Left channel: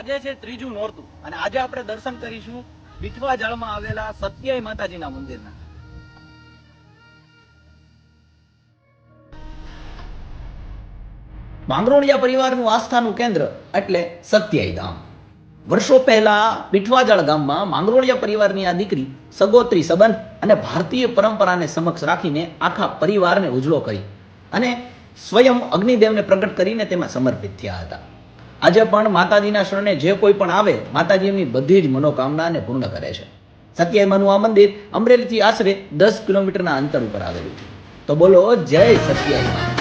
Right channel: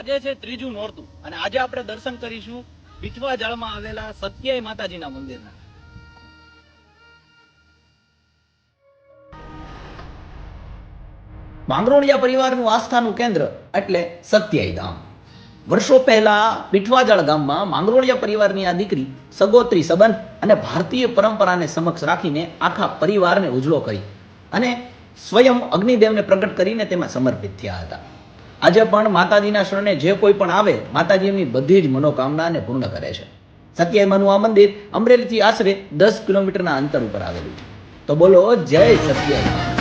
આજે છે ત્રીજું નોરતું અને આજે આપણે દર્શન કરીશું બીઠવા જાળમાં આવેલા સત્યાઈ માતાજીના મંદિરના. માંગરોળિયા પરિવારનું આસ્થાનું કેન્દ્ર એટલે સત્યાઈ ધામ. વર્ષો પહેલા બીઠવાજાળ ગામમાં માંગરોળિયા પરિવારની આ દીકરી સગોત્રી સંબંધ અને ભારતીય પરંપરાને સમક્ષ રાખીને આખા પરિવારને ઉજળો કરી અને સ્વયં અગ્નિદેવને પ્રગટ કરીને તેમાં સમર્પિત થયા હતા. આજે પણ માતાજીના શરણે જે કોઈ પણ આવે માતાજી એમની બધી જ મનોકામનાને પૂર્ણ કરે છે. સત્યાઈમાનું આ મંદિર અમરેલીથી આશરે 10 કિલોમીટરના અંતર ઉપર આવેલું છે. તો બોલો જય સત્યાઈમા.